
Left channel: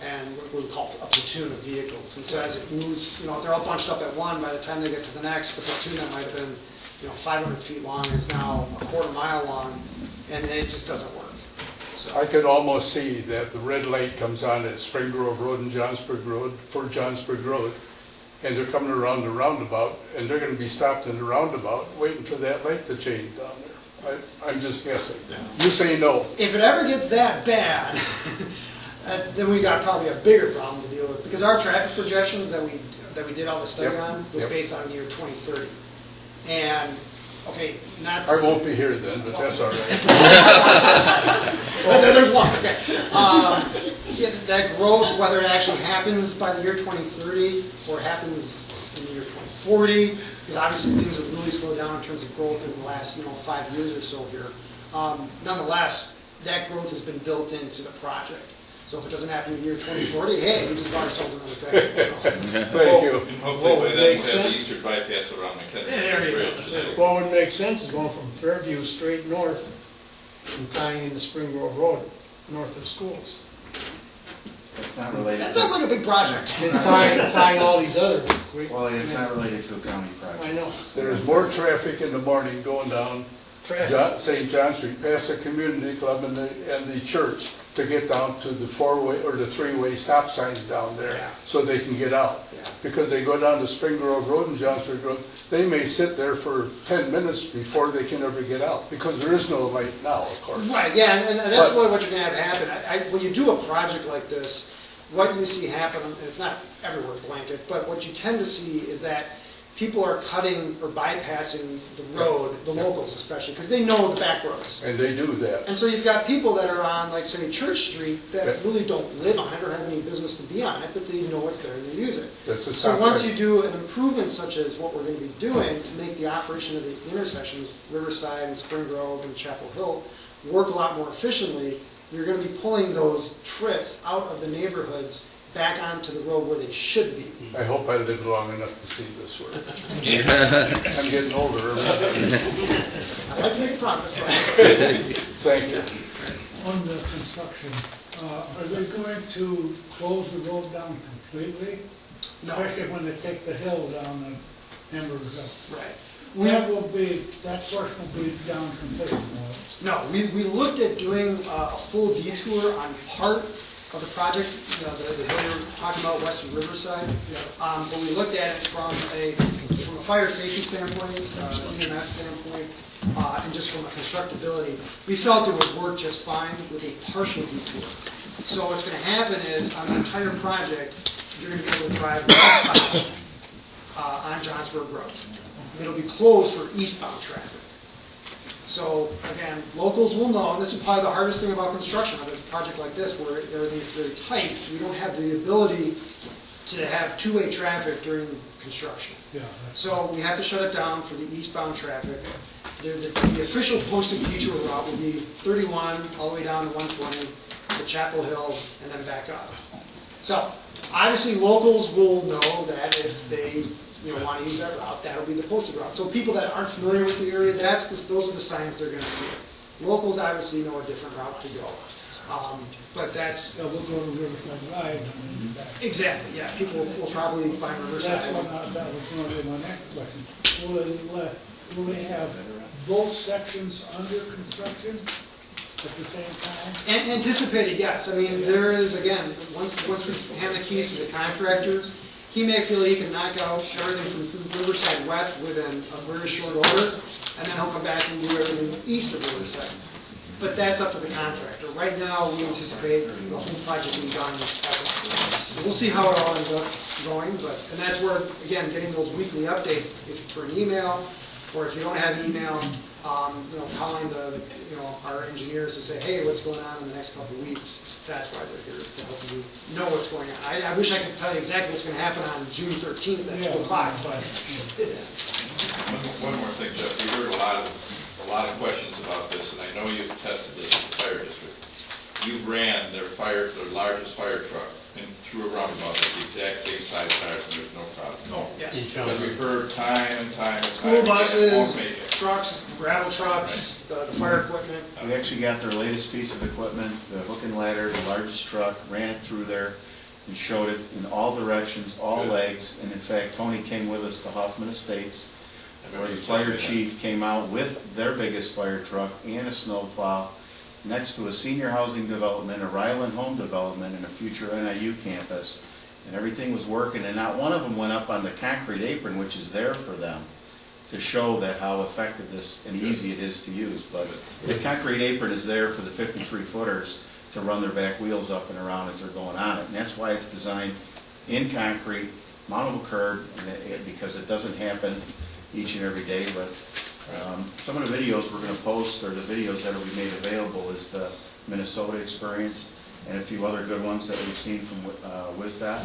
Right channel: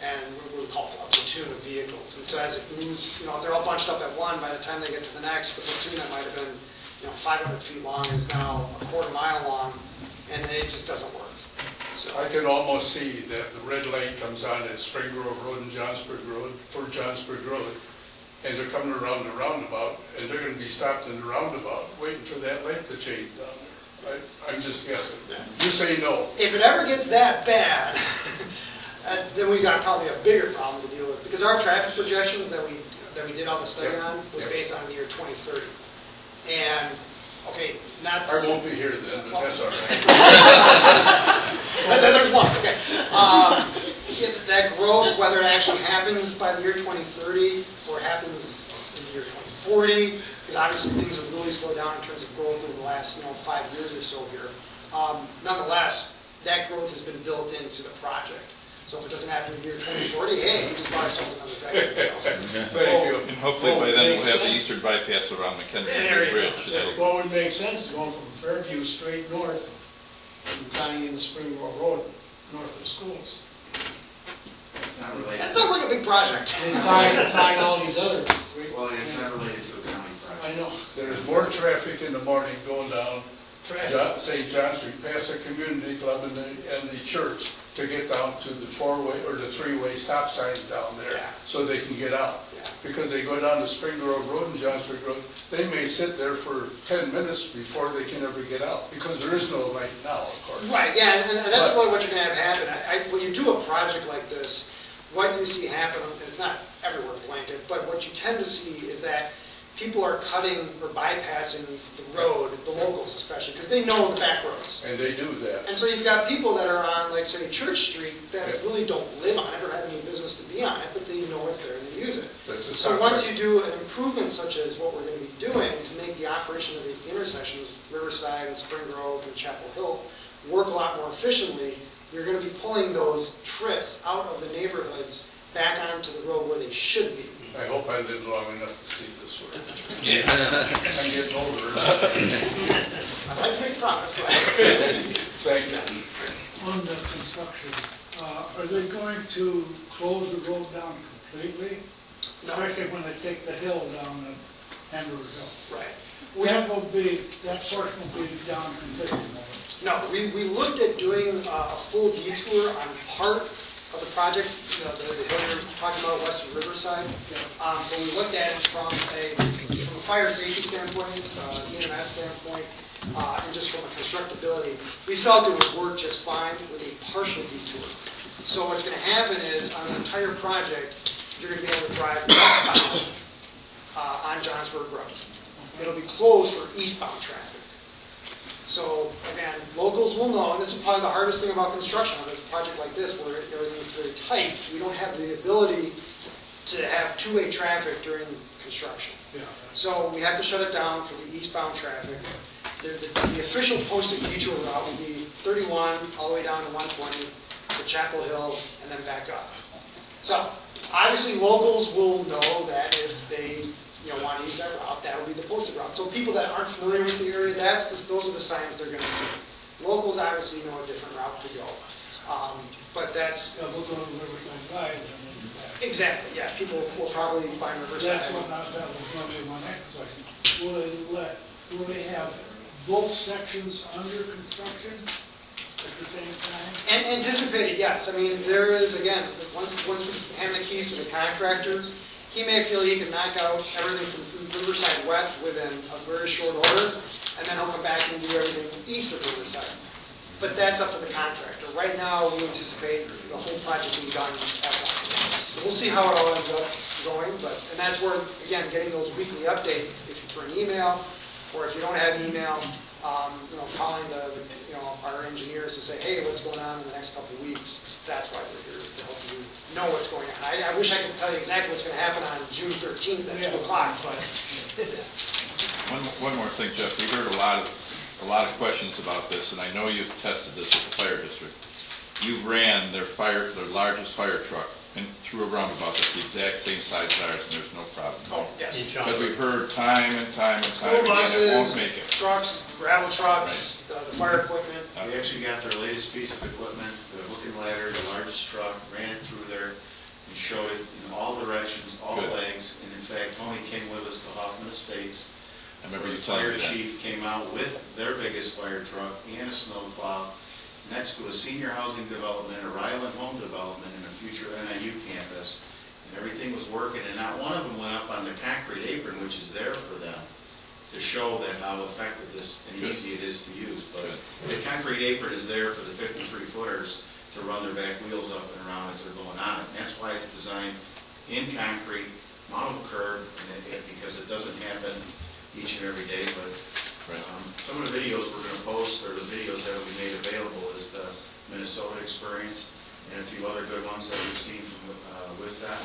And what we call a platoon of vehicles. And so as it moves, if they're all bunched up at one, by the time they get to the next, the platoon that might have been, 500 feet long is now a quarter mile long, and it just doesn't work. So, I can almost see that the red light comes on at Spring Grove Road and Johnsburg Road, for Johnsburg Road, and they're coming around the roundabout, and they're going to be stopped in the roundabout, waiting for that light to change down there. I'm just guessing. You say no. if it ever gets that bad, then we got probably a bigger problem to deal with, because our traffic projections that we did all the study Yep. on was Yep. based on the year 2030. And, okay, not to I say- won't be here then, but that's all right. There's one, okay. That growth, whether it actually happens by the year 2030 or happens in the year 2040, because obviously things have really slowed down in terms of growth over the last 5 years or so here. Nonetheless, that growth has been built into the project. So if it doesn't happen in the year 2040, hey, we just bought ourselves another decade. So. Thank you. And hopefully What by would then we'll make have the sense? eastern bypass around McKenzie There you go. Bridge. and that'll- What would make sense is going from Fairview straight north and tying into Spring Grove Road, north of schools. It's not related. That sounds like a big project. And tying all these other great. Well, it's not related to a county project. I know. There's more traffic in the morning going down Traffic. St. John Street, past the community club and the church, to get down to the four-way or the three-way stop signs down there, Yeah. so they can get out. Yeah. Because they go down to Spring Grove Road and Johnsburg Road, they may sit there for 10 minutes before they can ever get out, because there is no light now, of course. Right, yeah, and that's But- really what you're going to have happen. When you do a project like this, what you see happen, and it's not everywhere blanket, but what you tend to see is that people are cutting or bypassing the road, the locals especially, because they know the back roads. And they do that. And so you've got people that are on, like, say, Church Street that Yeah. really don't live on it or have any business to be on it, but they know it's there and they use it. That's a So stop once light. you do an improvement such as what we're going to be doing to make the operation of the intersections, Riverside and Spring Grove and Chapel Hill, work a lot more efficiently, you're going to be pulling those trips out of the neighborhoods back onto the road where they should be. I hope I live long enough to see this work. I'm getting older every day. I'd like to make a promise, but Thank you. On the construction, are they going to close the road down completely? no, Especially when they take the hill down on Hamburg Hill. right. That portion will be down completely, won't it? No, we looked at doing a full detour on part of the project, the hill we were talking about west of Riverside. But we looked at it from a fire safety standpoint, EMS standpoint, and just from a constructability. We felt it would work just fine with a partial detour. So what's going to happen is on the entire project, you're going to be able to drive westbound on Johnsburg Road. It'll be closed for eastbound traffic. So again, locals will know, and this is probably the hardest thing about construction of a project like this, where everything's very tight. We don't have the ability to have two-way traffic during construction. Yeah, So we have to shut it down for the eastbound traffic. the official posted detour route will be 31 all the way down to 120, to Chapel Hill, and then back up. So, obviously, locals will know that if they want to use that route, that'll be the posted route. So people that aren't familiar with the area, those are the signs they're going to see. Locals obviously know a different route to go. But that's, So we'll go to Riverside Drive and then back. exactly, yeah, people will probably find Riverside. That's what, that was going to be my next question. Will they have both sections under construction at the same time? And anticipated, yes. I mean, there is, again, once we hand the keys to the contractor, he may feel he can knock out everything from Riverside West within a very short order, and then he'll come back and do everything east of Riverside. But that's up to the contractor. Right now, we anticipate the whole project being done at once. So we'll see how it all ends up going, and that's where, again, getting those weekly updates for an email, or if you don't have email, calling our engineers to say, hey, what's going on in the next couple of weeks. That's why we're here, is to help you know what's going on. I wish I could tell you exactly what's going to happen on June 13th at 2 o'clock, but One more thing, Jeff, we heard a lot of questions about this, and I know you've tested this at the fire district. You ran their largest fire truck and through a roundabout that's the exact same size as ours, and there's no problem. oh, yes. Because we've heard time and time and time. School again, it buses, won't make it. trucks, gravel trucks, the fire equipment. We actually got their latest piece of equipment, the hook and ladder, the largest truck, ran it through there, and showed it in all directions, all Good. legs, and in fact, Tony came with us to Hoffman Estates, I remember where the you telling fire me that. chief came out with their biggest fire truck and a snowplow next to a senior housing development, a Ryland home development, and a future NIU campus. And everything was working, and not one of them went up on the concrete apron, which is there for them, to show that how effective this and easy it is to use. But the concrete apron is there for the 53-footers to run their back wheels up and around as they're going on it. And that's why it's designed in concrete, mountable curb, because it doesn't happen each and every day. But some of the videos we're going to post, or the videos that will be made available, is the Minnesota experience and a few other good ones that we've seen from WisDOT,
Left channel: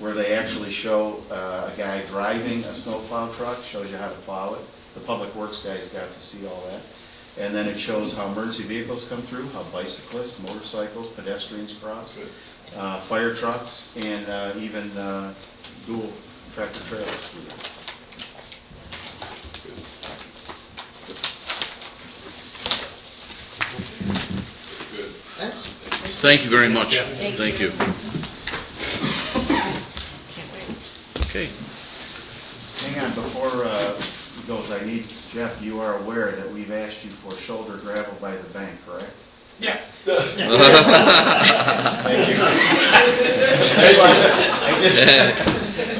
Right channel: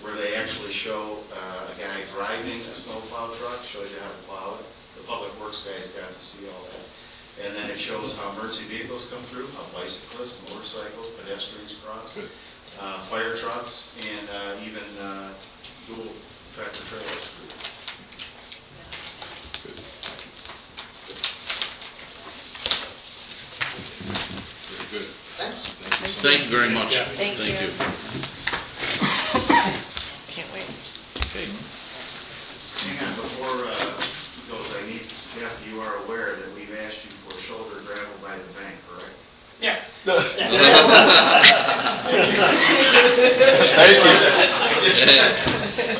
where they actually show a guy driving a snowplow truck, shows you how to plow it. The public works guys got to see all that. And then it shows how emergency vehicles come through, how bicyclists, motorcycles, pedestrians cross, fire trucks, and even dual tractor trailers. Very good. Thanks. Thank you very much. Thank you. Can't wait. Okay. Hang on, before he goes, I need, Jeff, you are aware that we've asked you for shoulder gravel by the bank, correct? Yeah.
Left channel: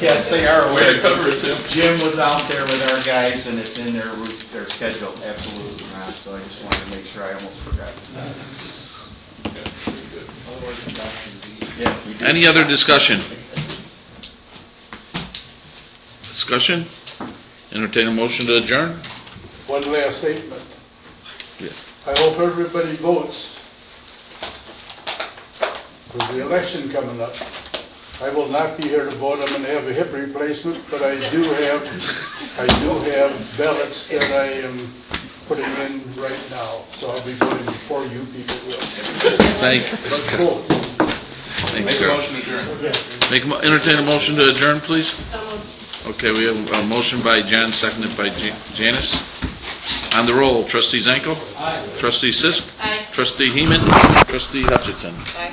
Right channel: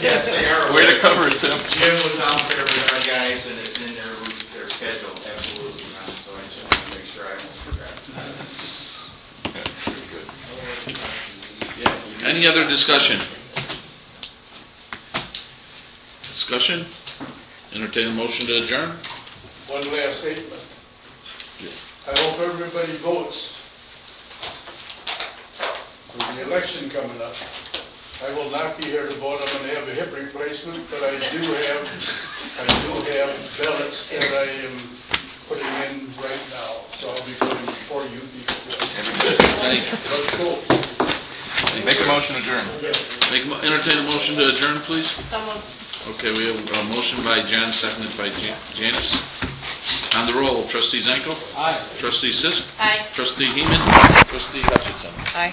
Yes, they are Way aware. to cover it, Tim. Jim was out there with our guys, and it's in their schedule, absolutely, Ron, so I just wanted to make sure I almost forgot. Yeah, we do. Any other discussion? Discussion? Entertain a motion to adjourn? One last statement. Yes. I hope everybody votes for the election coming up. I will not be here to vote. I'm going to have a hip replacement, but I do have ballots that I am putting in right now. So I'll be voting for you people. Thank Let's vote. Make a motion to adjourn. Entertain a motion to adjourn, please? Someone. Okay, we have a motion by John, seconded by Janice. On the roll, trustee Zanko? Aye. Trustee Sisk? Aye. Trustee Heeman? Trustee Hutchinson? Aye.